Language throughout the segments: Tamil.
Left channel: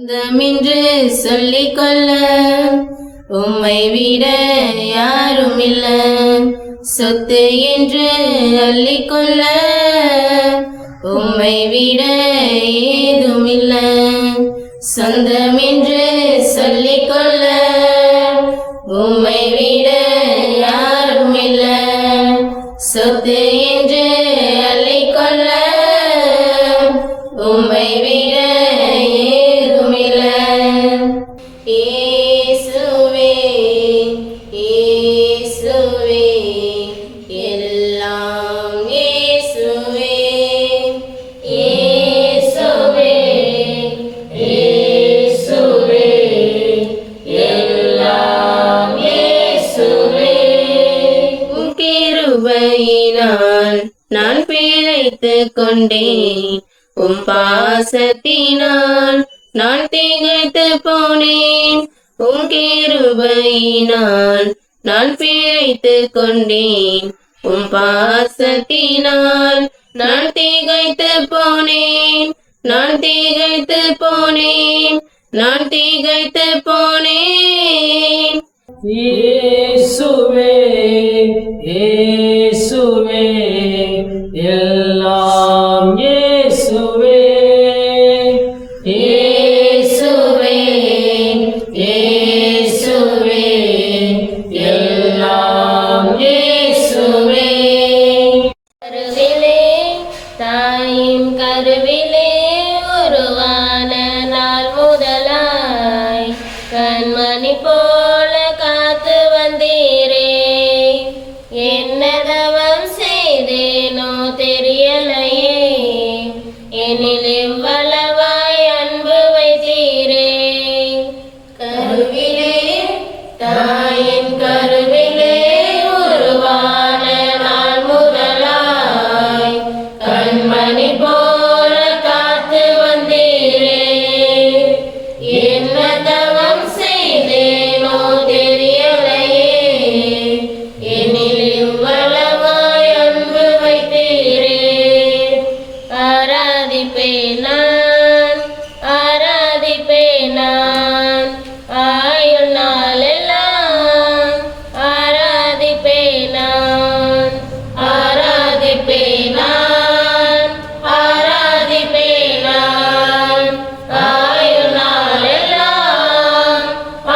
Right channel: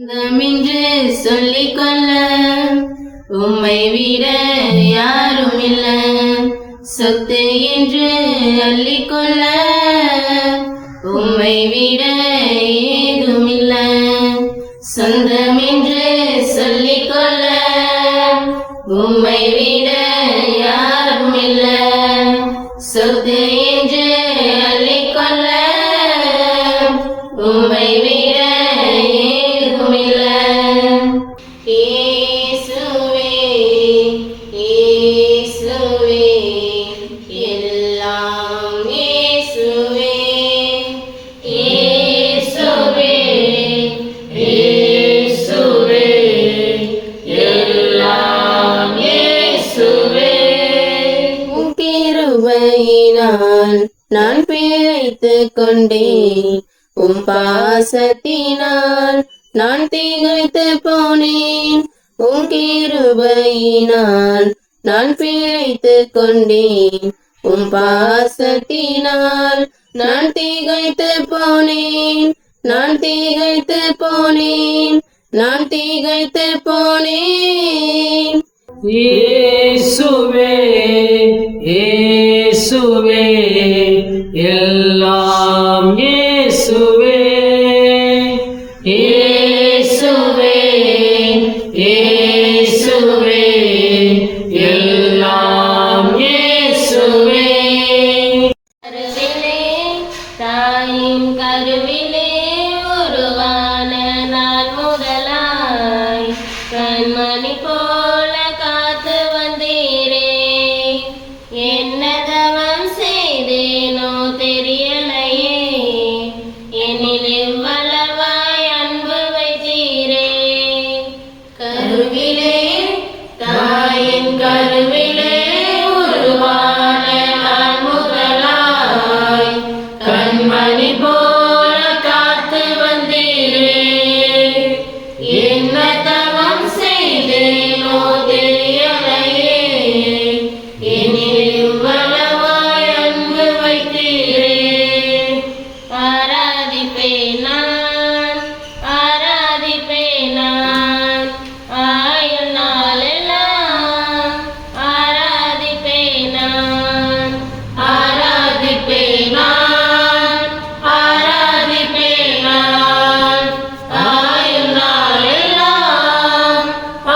சொந்தமென்று சொல்லிக்கொள்ள உம்மை விட யாரும் இல்ல, சொத்து என்று அள்ளிக்கொள்ள உம்மை விட ஏதும் இல்ல. சொந்தமென்று சொல்லிக்கொள்ள உம்மை விட யாரும் இல்ல, சொத்து என்று அள்ளிக்கொள்ள உம்மை விட ஏதும் இல்ல. இயேசுவே இயேசுவே எல்லாம் இயேசுவே, இயேசுவே இயேசுவே எல்லாம் இயேசுவே. உம் கிருபையினால் நான் பிழைத்துக் கொண்டேன், உம் பாசத்தினால் நான் திகைத்து போனேன். உம் கிருபையினால் நான் பிழைத்துக் கொண்டேன், உம் பாசத்தினால் நான் திகைத்து போனேன். நான் திகைத்து போனேன், நான் திகைத்து போனேன். இயேசுவே இயேசுவே எல்லாம் இயேசுவே, இயேசுவே இயேசுவே எல்லாம் இயேசுவே. கருவிலே தாயின் கருவிலே உருவான நாள் முதலாய் கண்மணி போல காத்து வந்தீரே. என்ன தவம் செய்தேனோ தெரியலையே, என்னில் இவ்வளவாய் அன்பு வைத்தீரே. கருவிலே தாயின் கருவிலே உருவான நாள் முதலாய் கண்மணி போல காத்து வந்தீரே. என்ன தவம் செய்தேனோ தெரியலையே, என்னில் இவ்வளவாய் அன்பு வைத்தீரே. ஆராதிப்பேன் நான், ஆராதிப்பேன் நான், ஆயுள் நாளெல்லாம் ஆராதிப்பேன் நான், ஆராதிப்பேன் நான், ஆராதிப்பேன் நான், ஆயுள் நாளெல்லாம்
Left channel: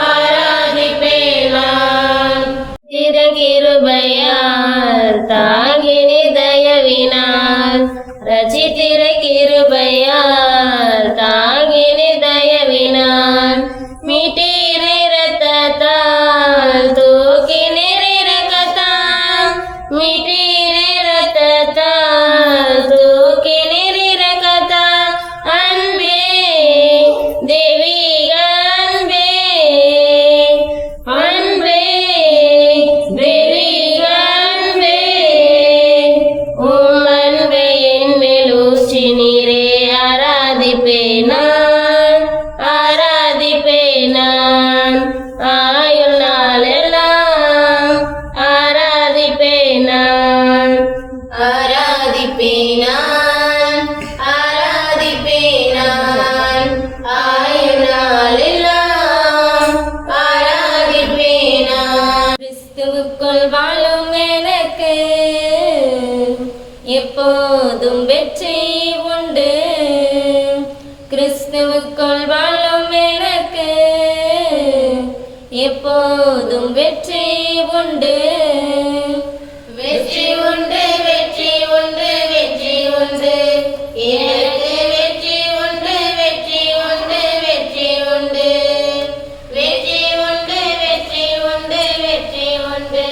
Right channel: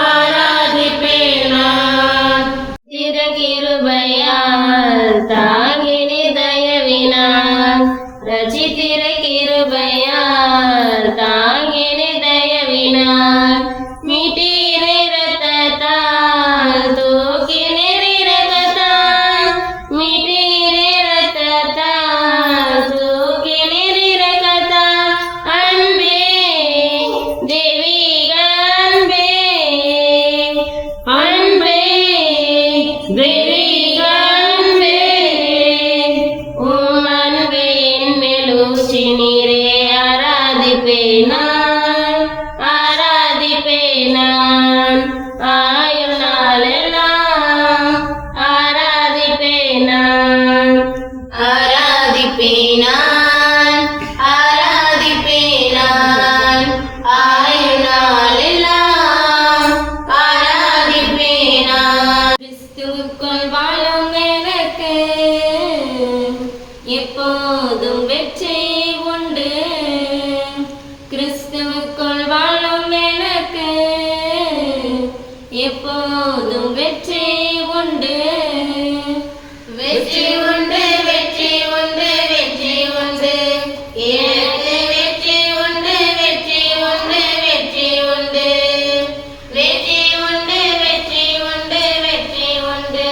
ஆராதிப்பேன் நான். கிருபையால் தாங்கினி தயவினால், ரட்சித்திர கிருபையால் தாங்கினி தயவினால், மீட்டீரே இரத்தத்தால் தூக்கினீர் இரக்கத்தால், மீட்டீரே இரத்தத்தால் தூக்கினீர் இரக்கத்தால். அன்பே தெய்வீக அன்பே, அன்பே தெய்வீக அன்பே, உம் அன்பே என் மேல் ஊற்றினீரே. ஆராதிப்பேன் நான், ஆராதிப்பேன் நான், ஆயுள் நாளெல்லாம் ஆராதிப்பேன் நான், ஆராதிப்பேன் நான், ஆராதிப்பேன் நான், ஆயுள் நாளெல்லாம் ஆராதிப்பேன் நான். கிறிஸ்துவுக்குள் வாழும் எனக்கு எப்போதும் வெற்றி உண்டு, கிறிஸ்துவுக்குள் வாழும் எனக்கு எப்போதும் வெற்றி உண்டு. வெற்றி உண்டு வெற்றி உண்டு வெற்றி உண்டு, எனக்கு வெற்றி உண்டு வெற்றி உண்டு வெற்றி உண்டு, வெற்றி உண்டு வெற்றி உண்டு வெற்றி உண்டு,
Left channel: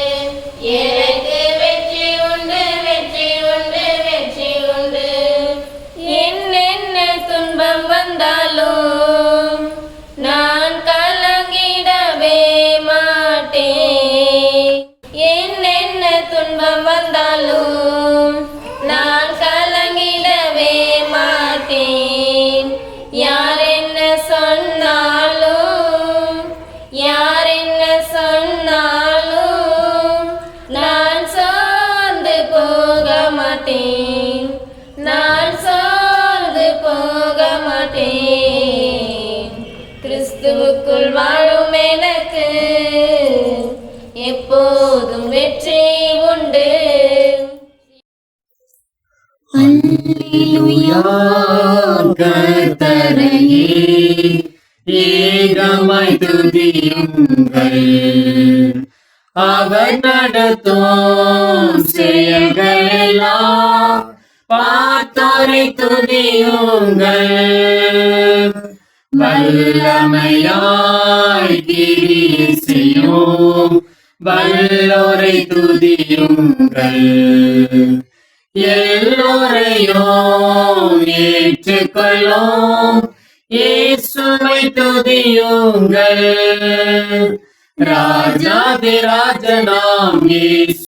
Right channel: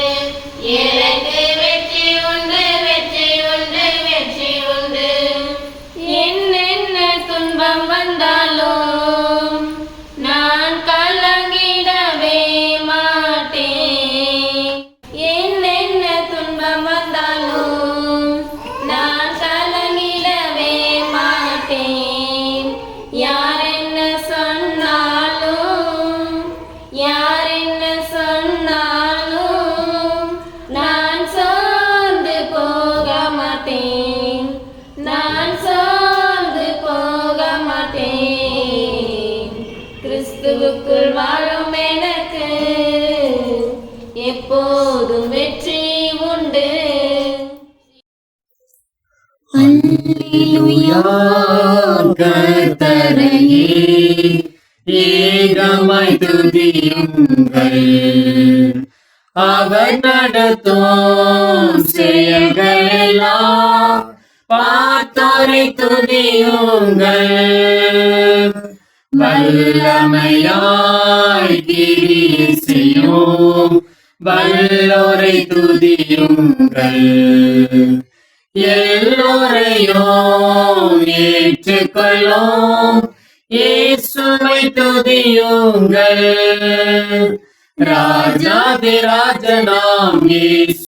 எனக்கு வெற்றி உண்டு வெற்றி உண்டு வெற்றி உண்டு. என்னென்ன துன்பம் வந்தாலும் நான் கலங்கிடவே மாட்டேன். என்னென்ன துன்பம் வந்தாலும் நான் கலங்கிடவே மாட்டேன். யார் என்ன சொன்னாலும், யார் என்ன சொன்னாலும் நான் சோர்ந்து போக மாட்டேன், நான் சோர்ந்து போக மாட்டேன். எப்போதும் வெற்றி உண்டு. அல்லேலூயா கர்த்தரையே ஏகமாய் துதியுங்கள். அவர் நடத்தும் செயல்கள் எல்லாம் பார்த்தோரை துதியுங்கள். வல்லமையாய் கிரியை செய்யும் வல்லோரை துதியுங்கள். எல்லோரையும் ஏற்றுக்கொள்ளும் இயேசுவை துதியுங்கள். ராஜாதிராஜனாம் இயேசு